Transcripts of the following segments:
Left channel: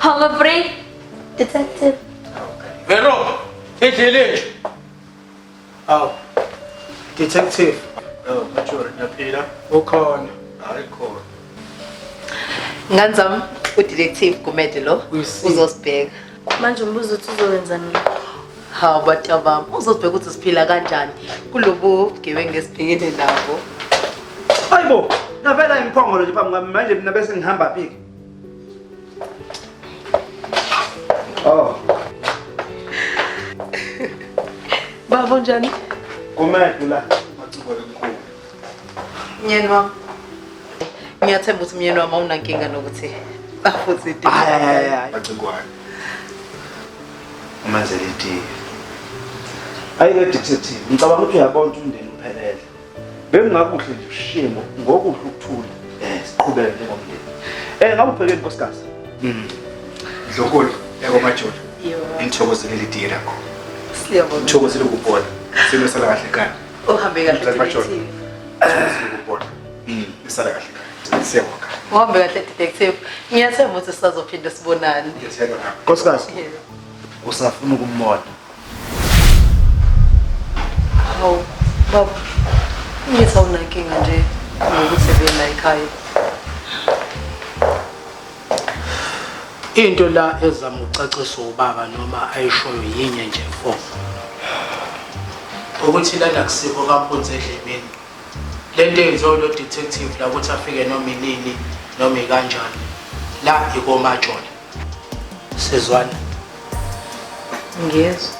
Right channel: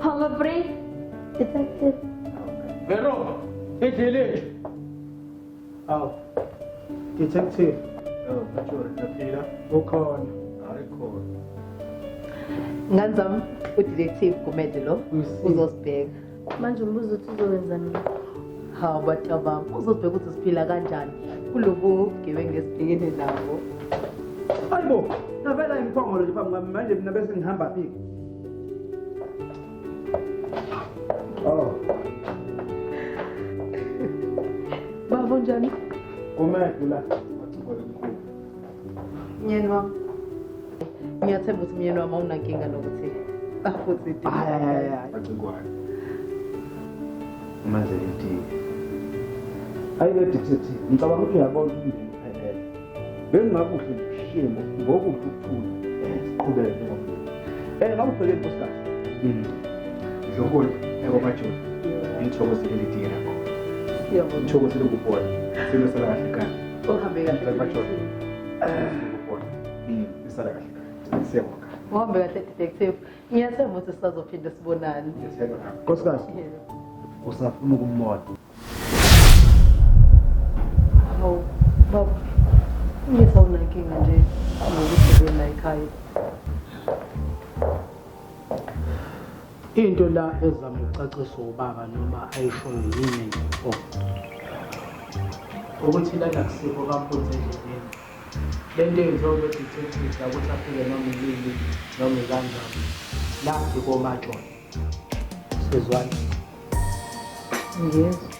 Humphrey, detective. Vero, endleleni. Aw. Detective, Major, ngiyaphila. ukhona. Hayi khona. Nganzam udetective Gumede lo Uyisiphi? uzosibheka. Manje umbuzo uthi uzowenzani? Hawu batabam uzosibheka ukuthi siphila kanjani kulobu gebengu lesibhekene nabo. Hayibo, navela imphongolo nje phambi kwami manje mina bese ngihamba phi? Oh, Babo njani? Gumede la. Mathubele mkhulu. Myeni wami. Ngiyathemba ukuthi myeni wami awunankinga nokuthi afuthi Hayi. Bacingwane. Umanzeliti. Ayike detective, ngicabanga ukuthi uyabona ukuthi umndeni uphelele. Bengingakuhle nje ushimo ngokuhle ukuthula. Siqhubeke njengomndeni. Ngabe ubhekeni nkosikazi? Dlokolo, yabo Major. Yebo. Ngithokozele leli lakho. Siyabona. Ngithokozele ukubona. Simo sala kahle kana. Uhambe kahle Major. detective. Ngithokozele ukubona. Isala kahle kana. Siyabonga. Uhambe kahle detective. Ngiyathemba ukuthi sizophinda sibonane. Ngiyathenga nami. Nkosikazi, Yebo. usafuna ukumbona. Hawu baba. Ngithi awunankinga nje ngokuthi bena ekhaya. Into la ezama ucaciswa ubaba noma ayishoyo yinye nje mfo. Ukuthi lana kusikho kaphunze endlebeni. Lento yenziwa lo detective la ukuthi afike noma inini noma ikanjani. La ikomajoni. Sizwana. Ngiyezwa.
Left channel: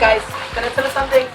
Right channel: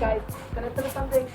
Guys, can I tell you something?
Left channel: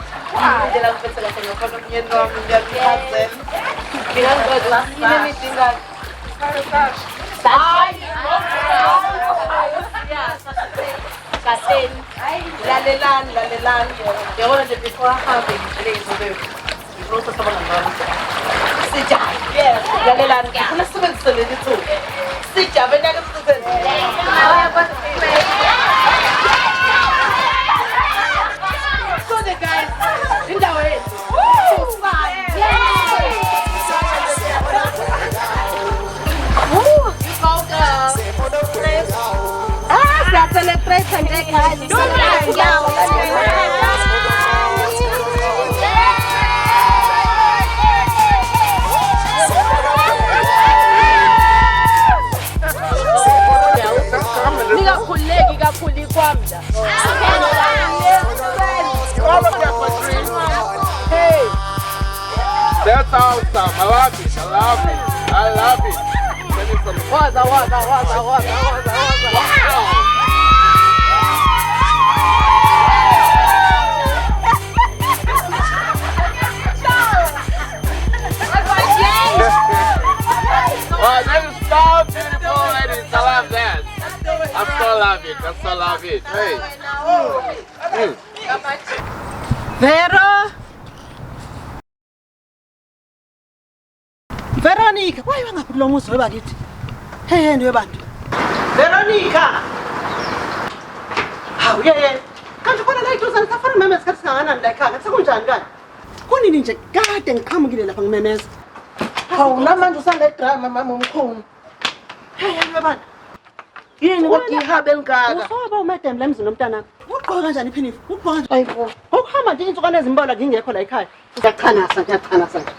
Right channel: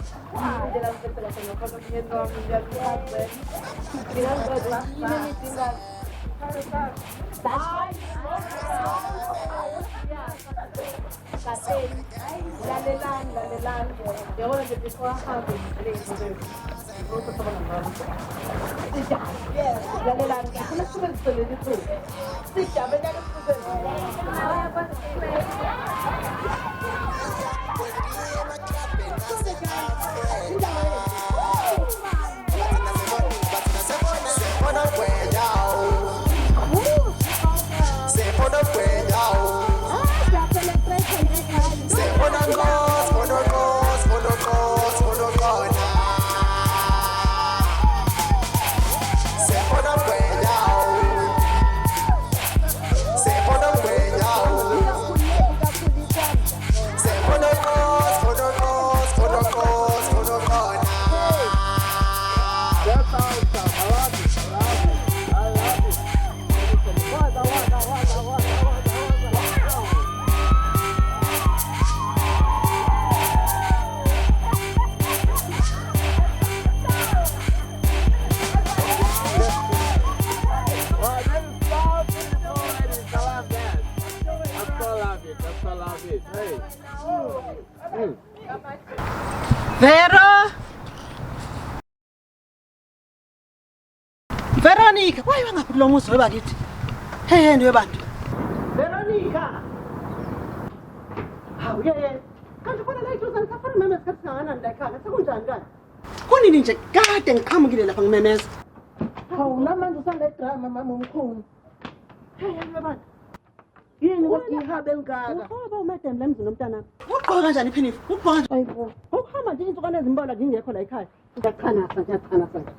That's awesome. I love it. I love it. Wow, that is so beautiful, ladies. I love that. I so love it. Hey. Vero! Veronica, why you ngaphi lo muzi webakithi? Hey, webantu. Veronica! Hawu yeye. Kanti khona la iduzana safana memeza kathi singakanani la ekhaya. Sekunjani kani? Kunini nje kade ngiqhamukile lapha ngimemeza. Hawu namanje usanda idrama mama omkhulu. Hey, webantu. Yini kodwa ihabe elingaka? Usoba umadam la emzini nomntana. Ugqoka kanjani iphinifu? Ugqoka kanjani? Ayibo. Ukuhamba nje insukwana ezimbola ngingekho la ekhaya. Ngiyachanasa nje.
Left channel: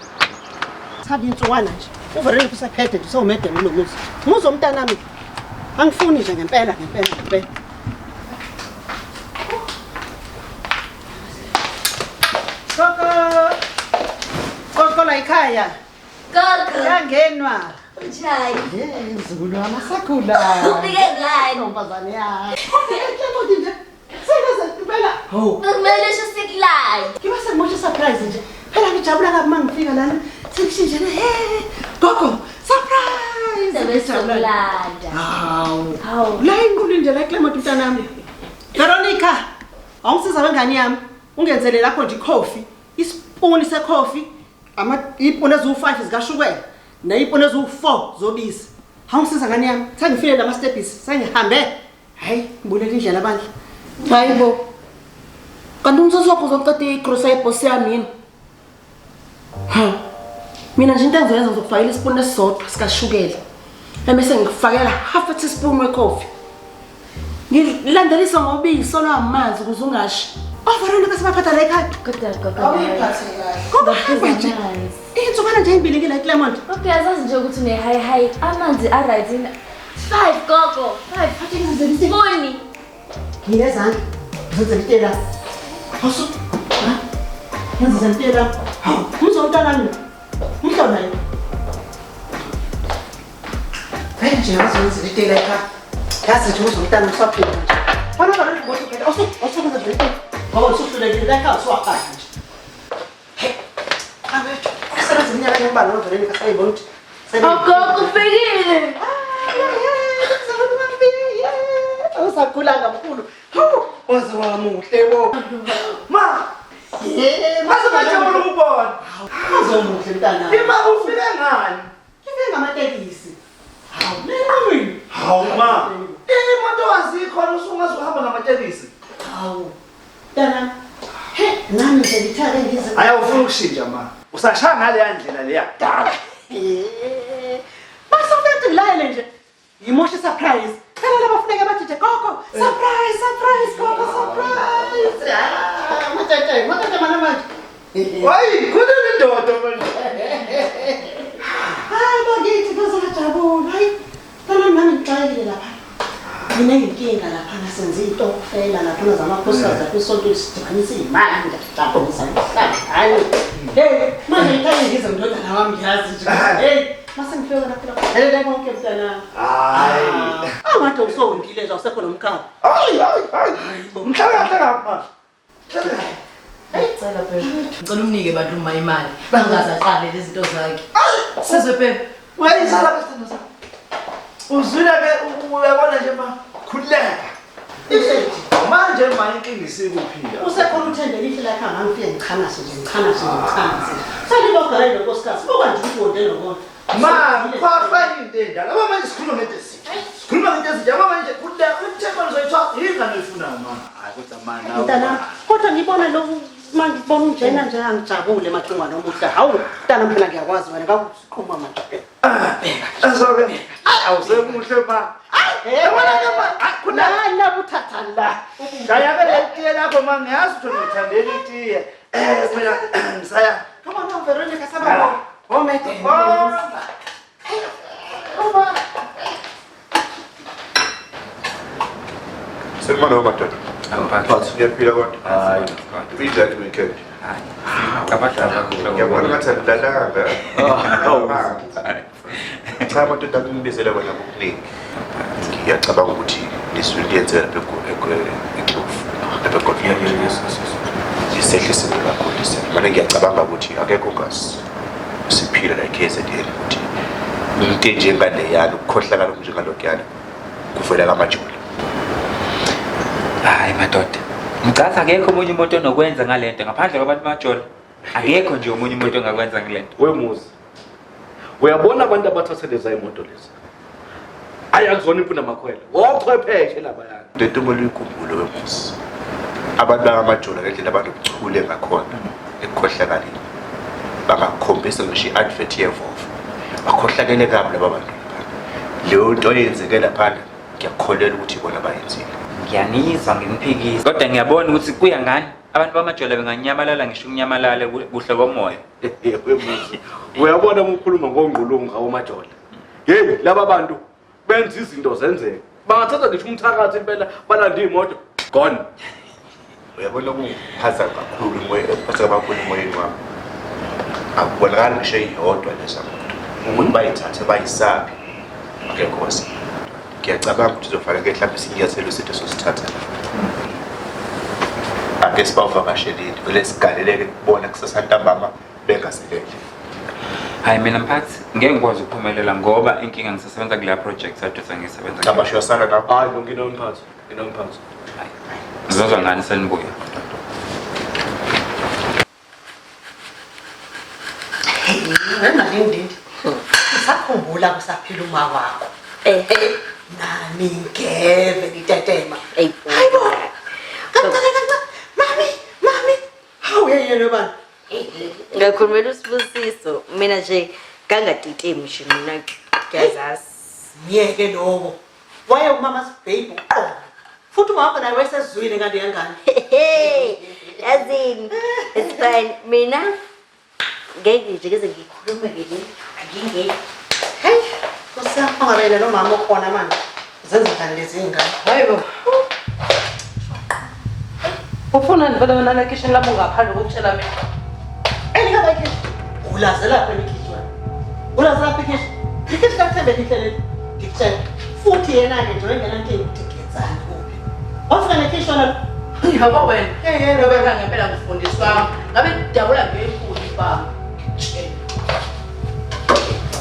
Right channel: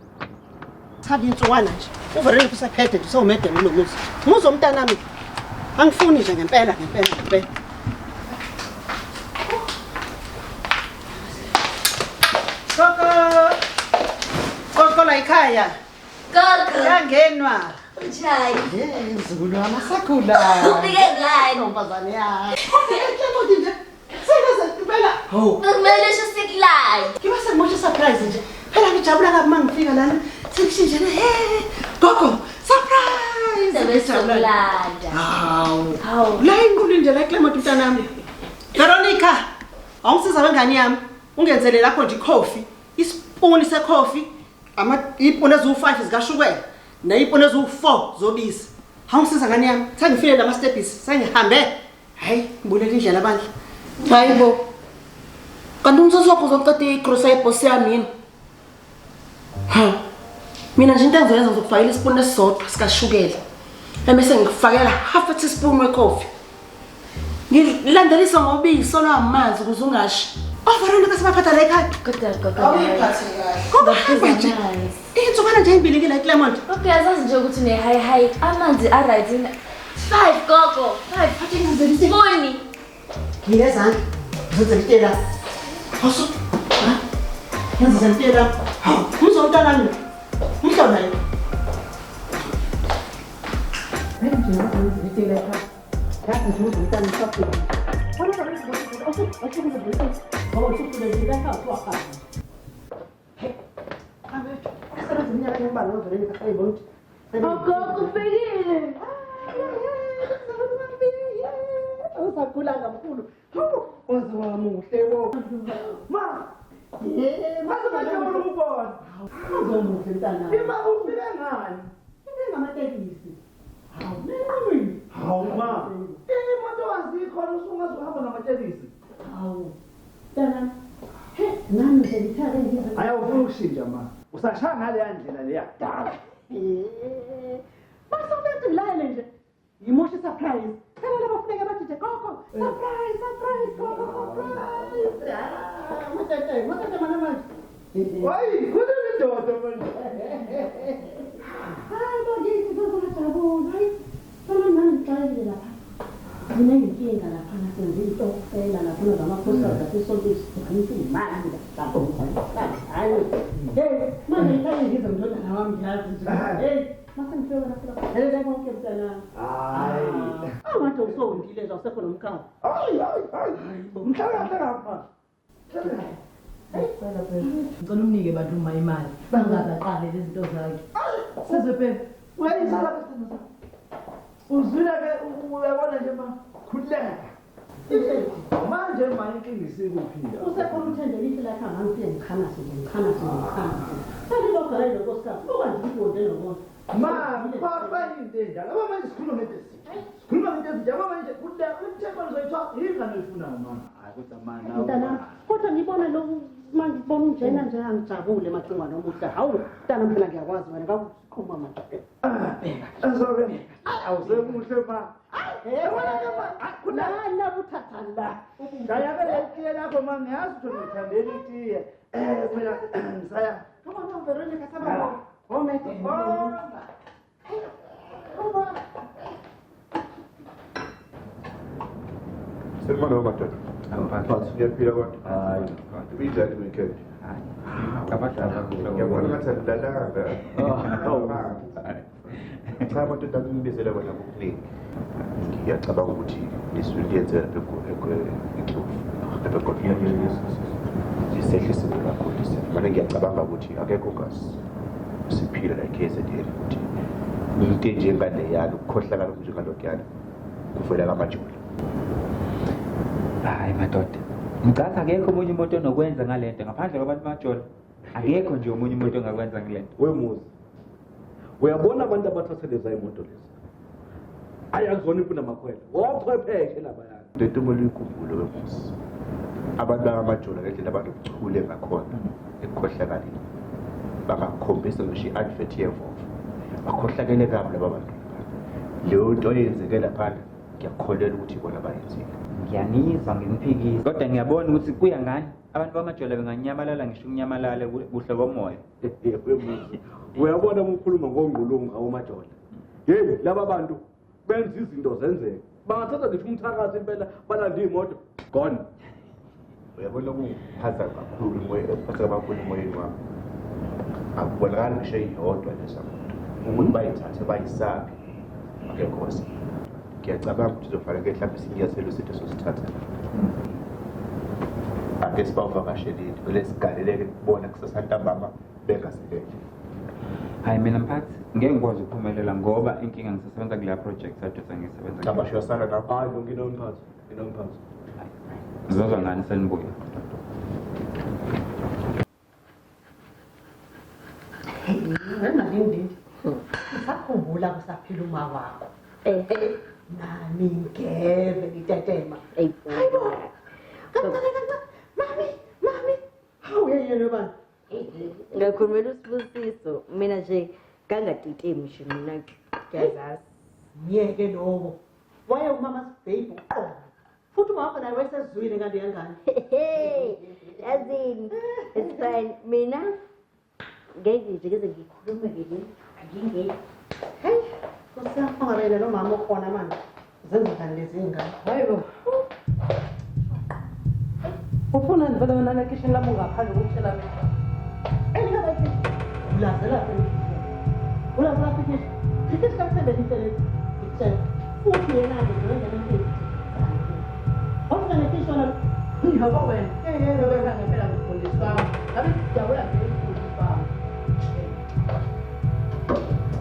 Sabi insukwana nje. Uverele kusaphethe nje sewumedem kulomuzi. Muzo umntana nami. Angifuni nje ngempela. Koko la ekhaya. Gogo, Yangenwa. unjani? Mzukulu wami asakhula. Ufike ngani? Ntombazane yami. Ufike nje. Sengeze impela. Ho. Kumele usho sikulaya. Ngiba sengimotshe surprise nje. Phela ngijabula kabi mangifika lana. Sekushinjene. Hey, Gogo, surprise. besokulanda. Hawu. La inkulu indlela eClement mntanami. Veronica, awungisiza wengane yami. Ungenzele lapho nje coffee, isipuni secoffee, ipuni ezu5 zikashukela, nayipuni ezu4 zobisi. Awungisiza ngane yami. Sengifile lama stepis, sengihambe. Hayi, ngibulele indlela bandla. Hayibo. Kanti umsosopho uzoqeda igrocery yebosi yami yini? Ha. Mina nje into engizoyenza ngizokufakela isipuni esisodwa sikashukela. Bese ngikufakela half a teaspoon wecoffee. Ngilandelisa ngobisi olamanzi ukuze ungashi. Veronica sibaphatha la ekhaya. Kodwa. Ngoba nje. Insukana nje ibilekile eClement. Okay, azazi nje ukuthi une high amanzi aright in 5 gogo. 5 Phathe ngizele isipuni. Boni. Ngiyezandla. Ngizele itela. Hasu. Ha? Ngizele itela. Hawu, umzomntana mina. Umhlona yini? Hayi nje ngizele itela ekhaya. Yazi nje umzomntana usaphila nje. Fana kana ngokuthi phela osukuza nje. Ngoba usuhlulekile la ekhaya usuwaqala nje. Hey. Abethi. Kusebenza iminyaka embalwa noVeronica sayibona ukuthi. Gogo ufekile. Usakhulanga mkhulu. Waze wamuhle wo. Ma. Mase bajabula ukubona. Uzomuhle mntana. Ima ufike ngani? Ngifike ngamatekisi. Hawu, nini? Hawu ma. Imoto azikho usungazuhamba ngamatekisi. Hawu. Mntana. He, nami nje ngithake ngize. Ayawufuna ukushintsha ma. Usashaya ngale ndlela le yakudala. Basofethu ngilayele nje. Yimoshe surprise. Phela laba funeka bathi nje gogo, surprise gogo, surprise. Matete mana manje. Hayi, kunini indoda manje? Hayi bakithi bazojabula. Hayi. Phela nami ngixayile lapha. Mina inkinga lapha nasenza izitokufela lapha zamakhosikazi lapha isonto isidibanisa imali ngiyajabulisa ngihlala. Hayi. Hey, manje ngithanda ngize ngidodana wami ngiyazi nje. Hey. Mase ngifika lapha. Hele konke mntana. Hayi. Abantu usongile nje awusekho nomkhaba. Hayi. Mhlaka lapha. Ngicela phela. Ngicela umnike bantu uma imali. Bangazaqale lezi zinto zakhe. Sizwe phela. Wayisala besithando sakho. Uzwile ke uyabona nje ma khuleka. Manje manje inkinga isikuphila. Usekhona uthembele ihle lakha ngangifike ngichanase nje. Sale lokho lo nkosikazi. Buka nje ukuthi wonke lokho. Ma, kwafa into endala. Aba manje sikhuluma ngento ezinhle. Sikhuluma ngento ezinhle. Aba manje khuleka umthemba uzoyithola ingane efuna ma. Hayi kodwa mana. Mntana, kodwa ngibona lo manje ngibona unjena nje angijabule macingwa nomuhla. Hawu, mntana phela ngiyakwazi wena ngakuqhuma manje. Azoke. Awusemuhle ma. Yabona ke ma. Khona uthatha la. Ngayabela itiye lakho ma ngiyazi ukuthi ngithandela itiye. Mina ngisaya. Come on, Veronica sababa. Omete. Sekumane madoda. Phansi uyaphila kodwa. Hayi. Ubinjani weekend? Ngiyabona ngathi andidlalanga. Cha madoda ngibizela bona ngokuningi. Ngiyacabanga ukuthi lisuyenzela eClofu. Lapha kodwa isehlise kakhulu isimo. Manje ngiyacabanga ukuthi akekho ngasi siphila la KZN ukuthi into njengale yana ukukhohlakala njengalokuyana kuvela kamajula. Hayi madoda. Ngicatha akekho omunye umuntu onokwenza ngalento ngaphandle kwabantu bamajolo. Akekho nje omunye umuntu ongakwenza ngalento. Wemuzi. Uyabona abantu abathatheleza imoto lezi. Ayakuzona impuna makhwela. Wochwepheshe laba yana. Lento moluyikhumbule wemuzi. Abantu bamajolo ngendlela abanobuchule ngakhona ekukhohlakaleni. Bangakhombisa ngisho i-advert yevovo. Bakhohlakele kabi laba bantu. Leyo nto yenzeke lapha ngiyakholelwa ukuthi bona bayenzile. Ngiyanizwa ngimphikisa. Kodwa ngiyabona ukuthi kuya ngani abantu bamajolo benganyamalala ngisho unyamalale kuhle komoya. Wemuzi. Uyabona ukukhuluma ngongqulungu awomajolo. Hey, laba bantu benza izinto zenzeke. Bangathatha ngisho umthakathi impela balanda imoto. Gone. Uyabona ukuphaza kakhulu impasa kakhulu emoyeni wami. Akubonakala ngisho iyodwa lesa muntu. Ukuthi bayithathe bayisaphi. Akekho wasi. Ngiyacabanga ukuthi uzofanele mhlawumbe sinyathelo sethu sosithatha. Ake sibavakashelile, vele sigaleleke kubona kusasa ntambama bengaselele. Hayi mina mphathi ngeke ngikwazi ukuphumelela ngoba inkinga ngisasebenza kule project kade sengisebenza. Cha basho yasala lapho. Hayi nginomphathi. Ngizozwa ngani senibuya? Ngalindindi. Usakhumbula kusaphila uma wakho. Nani ngeve litetema. Hayibo. Mami. Hawu yena bani? Ngakhulumela usibusiso mina nje kangaditemi nje mina ngiyazasi. Ngiyeke lokho. Waye umama's baby uqobo. Futhi umama naye wayesezwile kanti yangani? Yazini. It's fine. Mina ngeke nje keze ngikhulume ngelinye. Angingeke. Hey, kusafangabela nomama okhona manje. Zenza njani lezi ngane? Hayibo. Ufuna nivele wena la kitchen lami ungaphandle kokutshela mina. Elika bakhe. Ulazela lapha ekhishwa. Ulazela lapha ekhishwa. Ikhishi kaThembe lihlele dikutshela. Futhi yena ke nje wengena into engidikenzana kuphi. Wafika nekhishwa la. Yabo wena. Yena wena ngempela ngifundiswa. Ngabe ngidabula ngenkulu baba.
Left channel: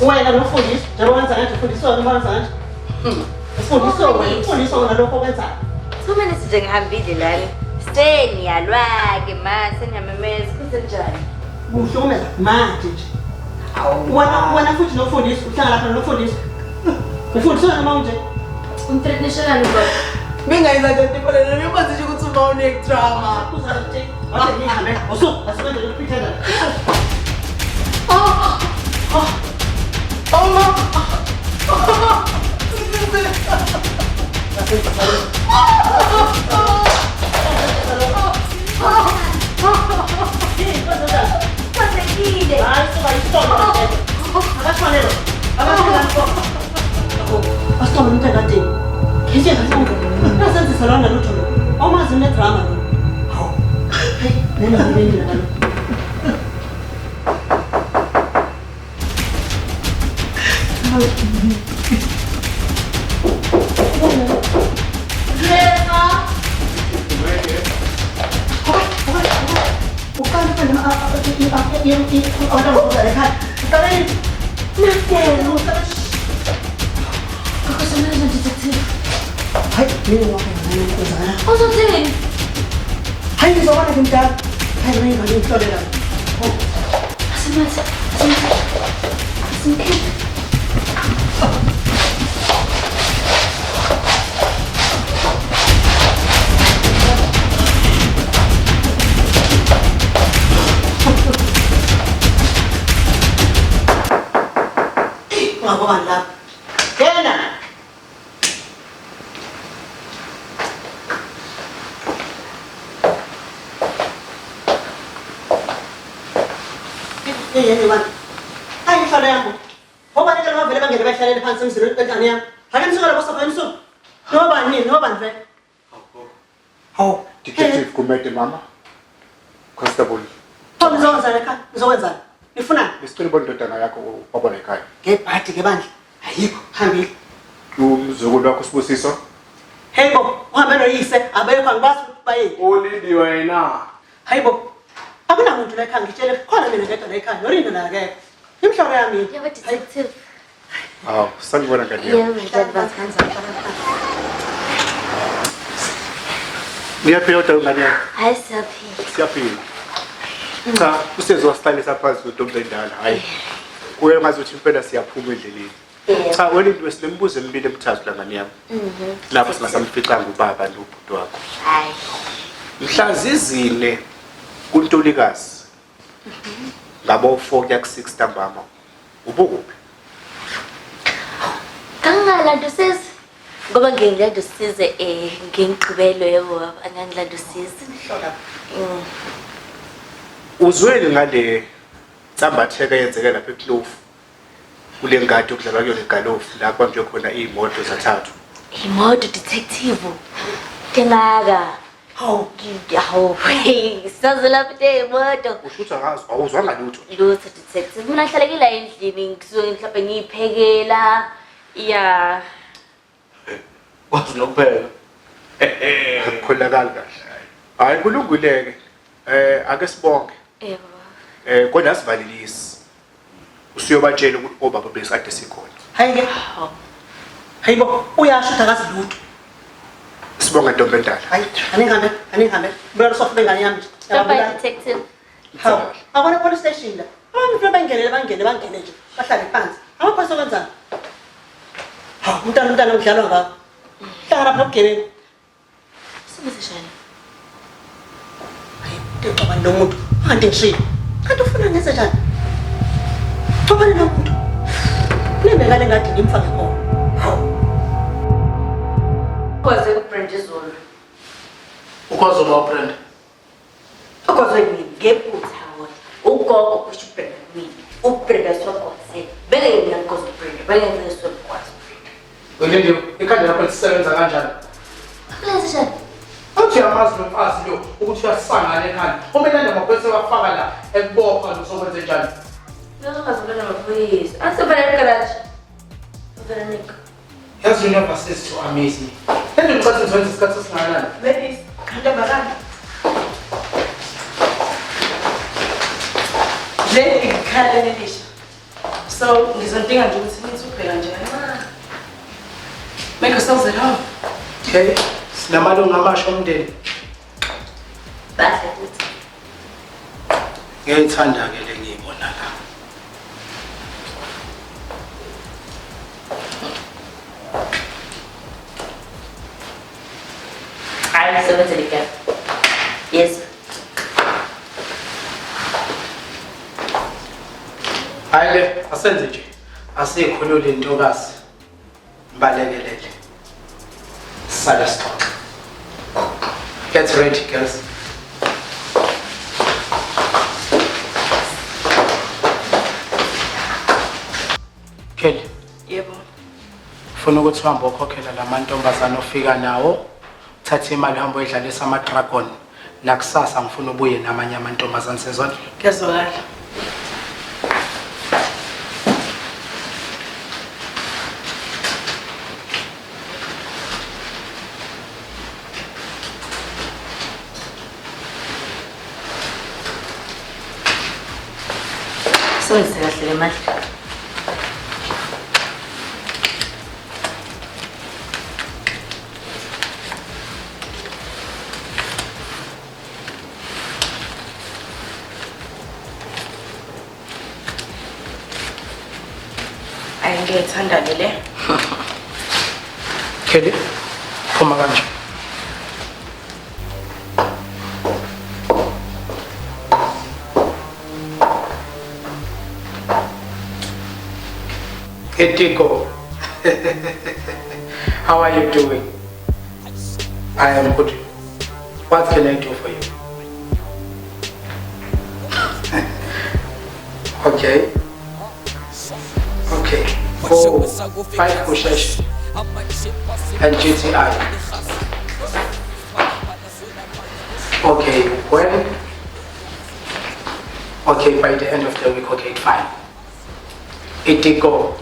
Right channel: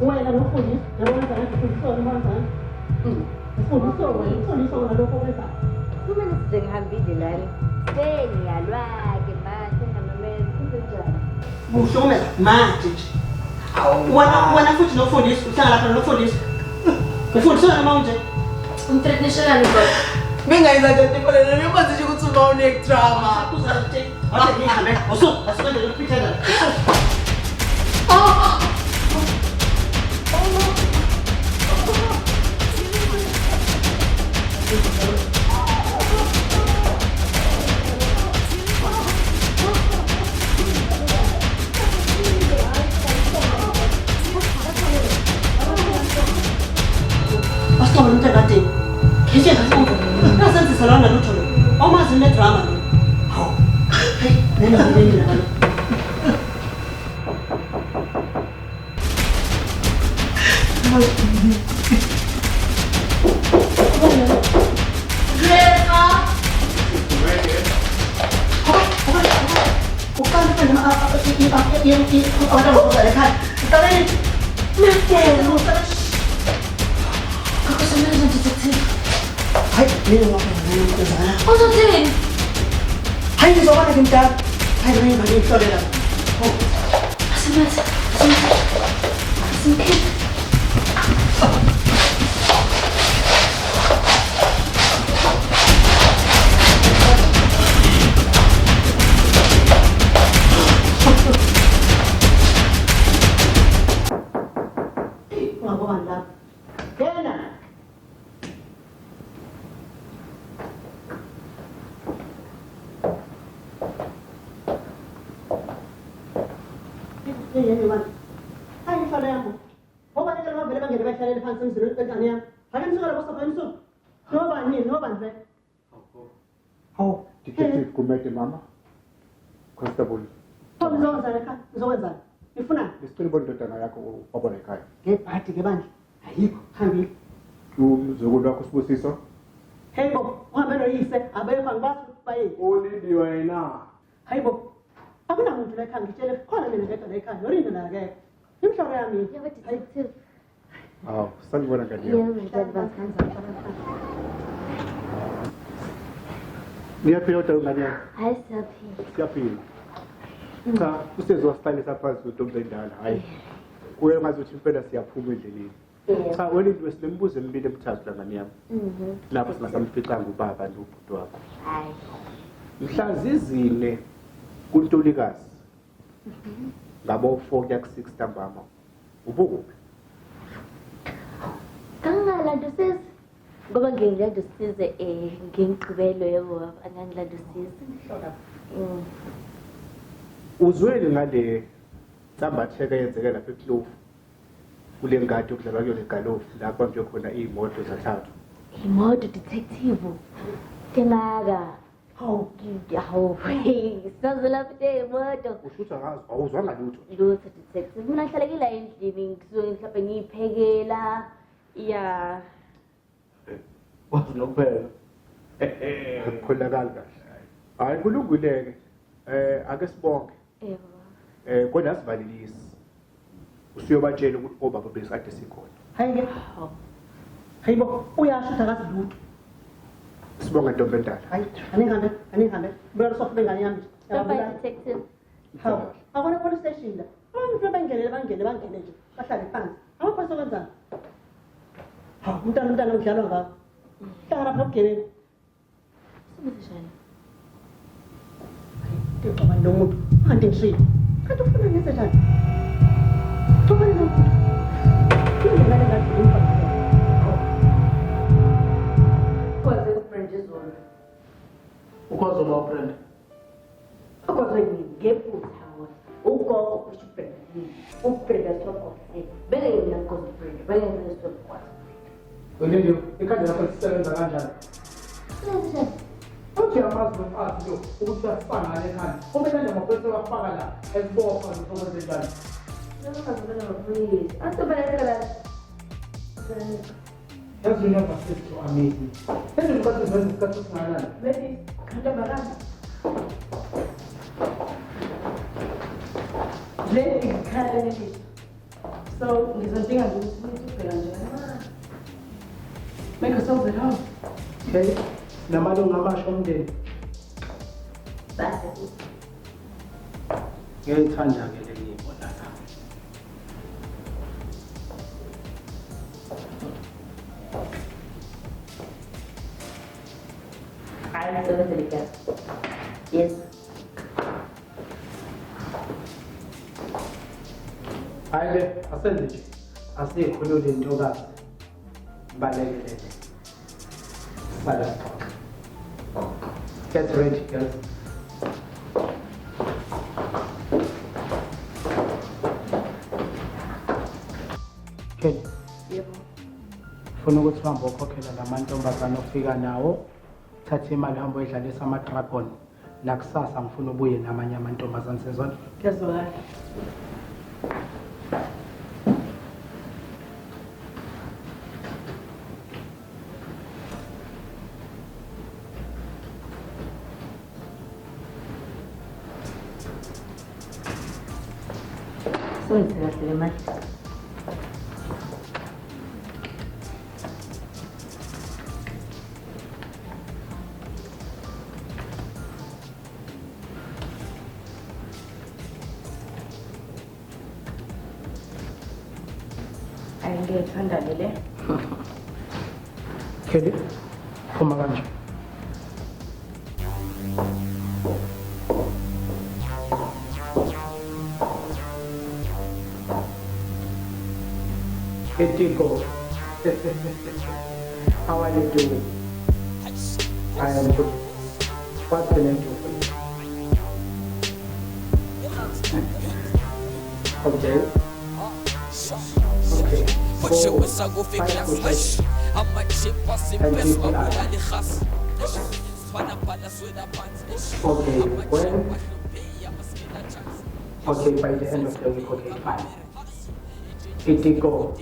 Wena nofundisa, njengoba wenza kanje ufundiswa noma wenza kanje? Ufundiswa ngalokho okwenzayo. Kumele nje ngihambile lana. Seniyalwa-ke ma seniyamemeza kunjani? Uhlukumeza manje nje. Wena futhi nofundisa, uhlala lapha nofundisa. Ufundiswa noma unje? Umtrenishelani baba. Mingayenza nje tipolele ngimazi nje ukuthi uma unedrama. Kuza nje. Wathi ngihambe. Asikwenze lokuphithelela. Asithola umuntu ekade. Ngisho ngathi nasenzisa lana lutho lo. Omazi nedrama lo. Hawu. Hey, nena ngibeni la. Detective Kumete mama. Constable. Ngizokwenza. Nifuna? Besicela bona indodana yakho wabona ekhaya. Ngebhadi ke bandla. Ayikho, hambile. Umzukulu wakho Sibusiso. Hayibo, uhambe noyise, abekho angibazi ukuthi baye. Olindi wena. Hayibo. Akunamuntu la ekhaya ngitshele khona mina ngedwa la ekhaya. Yorindo la ke. Imhloko yami. Yebo detective. Hawu, sanibona ngani. Yebo advance kanjani? Niyaphila ngani yakho? Hayi siyaphila. Siyaphila. Cha, usezosihlalisa phansi uNtombi endala. Hayi. Kuye ngazuthi impela siyaphuma endleleni. Cha, wena into esilembuzo emibili emithathu la ngani yami. Lapho singasamficanga ubaba nobhuti wakho. Hayi. Mhla zizine kuNtulikazi. Ngabo 4 kuya ku6 ntambama. Ubukuphi? Kangalanto sis. Ngoba ngingilanda usize ngingigqibelo yebo angangilanda usize. Uzwele ngale tsambatheka yenzeke lapha eKlofu. Kule ngadi okudlalwa kuyona egalofu la kwanjwe khona imoto zathathu. Imoto detective. Tengaka. Hawu, sizazela pete imoto. Ushutha ngazo awuzwanga lutho. Lutho detective. Mina ngihlalekile endlini ngisuke mhlawumbe ngiyiphekela. Ya. Wazi nokuphela. Akukholakali kahle. Hayi kulunguleke. Ake sibonke. Yebo. Kodwa asivalilisi. usuyobatshela ukuthi obaba besikade sikhona. Hayi-ke. Hayibo, uyasho ukuthi akazi lutho. Sibonga Ntombi Endala. Hayi, anihambe. Mbona sofa bengane yami nje. Stop by detective. Hawu, akona police station la. Abantu vele bangene nje. Bahlale phansi. Amaphoyisa okwenzani? Hawu, umntana ngidlalwa ngakho. Hlangana phela bugebengu. Sibuzishana. Xabana nomuntu kanti ngishilo kanti ufuna ngenze njani xabana nomuntu nembekale ngathi ngimfake khona Kwaze uBrenda izolo. Ukwazi uBrenda? Ukwazi yini ngephutha wona. Ugogo kusho uBrenda kimi. uBrenda sokwase. Bele mina because uBrenda. Bele mina sokwase. Welinde ikhadi lakho lisebenza kanjani? Akulenze njani? Uthi amazi nomfazi lo ukuthi uyasangana ekhanda. Umele namaphoyisa bafaka la ekubopha uzokwenza njani? Ngizokuzobona amaphoyisa. Asebele egarage. Veronica. Yes, you never says to amaze me. Then you got to discuss this man. ladies kanti bakani le ikhala lelisha so ngizodinga nje ukuthi nithi ubheka njani make yourselves at home. Okay. Sinamalungu amasha omndeni. Bahle futhi. Ngiyayithanda ke le ngiyibona la. Hayi sebenza lika. Yes. Hayi asenze nje. Asikhulule intokazi. Mbalekelele. Sala stop. Get ready, girls. Kelly. Yebo. Ufuna ukuthi uhambe ukhokhela lamantombazana ofika nawo. Thatha imali uhambe uyidlalisa ama-dragon. Nakusasa ngifuna ubuye namanye amantombazana sezona. Kuyazwakala. Sonse kahle le mali. Ngiyayithanda le. Kelly, phuma kanje. Etiko. How are you doing? I am good. What can I do for you? Okay. Okay. 5 pushes and GTI. Okay, when? Okay, by the end of the week, okay, fine. Etiko,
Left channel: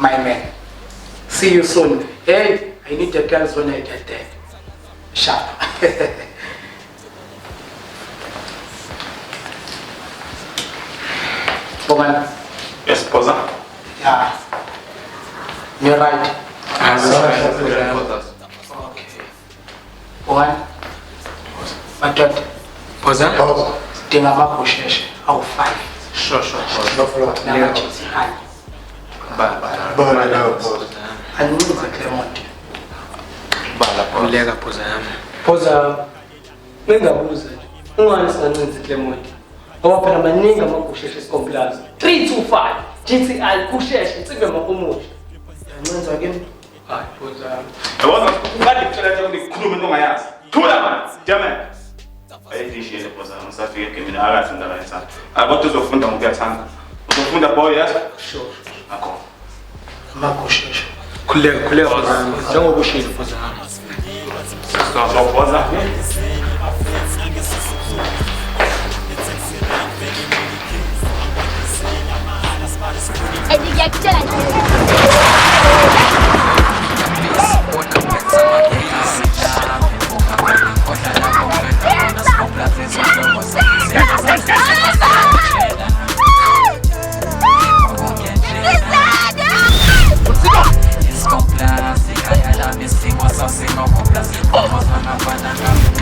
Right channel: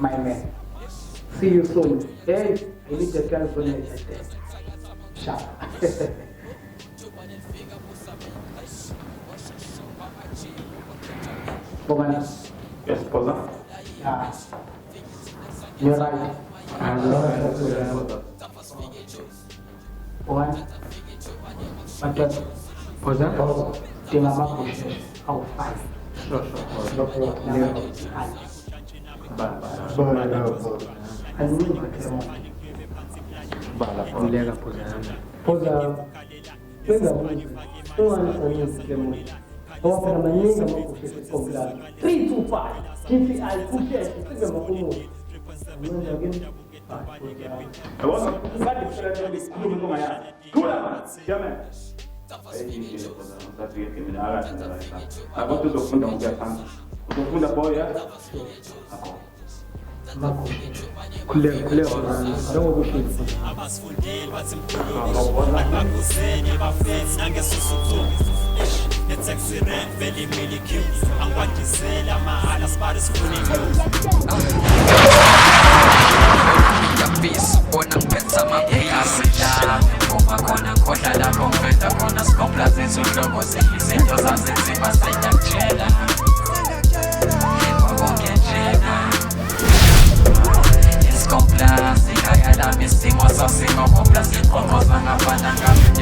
my man. See you soon. Hey, I need the girls when I get there. Sharp. Woman. Yes, Posa. Yeah. You're right. One. But Posa? Dinga mabusheshe awu 5. Sure. Nama GTI. Anuza Clement. Uleka Posa yami. Poza ngingabuza ungani singancenza Clement ngoba phela maningi amagusheshe esikomplaza 325 GTI kusheshe sibe makomuthi ngenza ke hayi Poza Yabona ukade kuthela nje ngikhuluma into ongayazi. Thula man. Damn. Ayidishile Posa ngisafike ke mina akathi ngakayithanda. Kodwa uzofunda ngokuyathanda. Uzofunda boy yes? Sure. Akho. Mabusheshe. khuleka njengoba ushilo Poza Posa.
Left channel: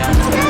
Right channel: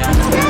Yeah.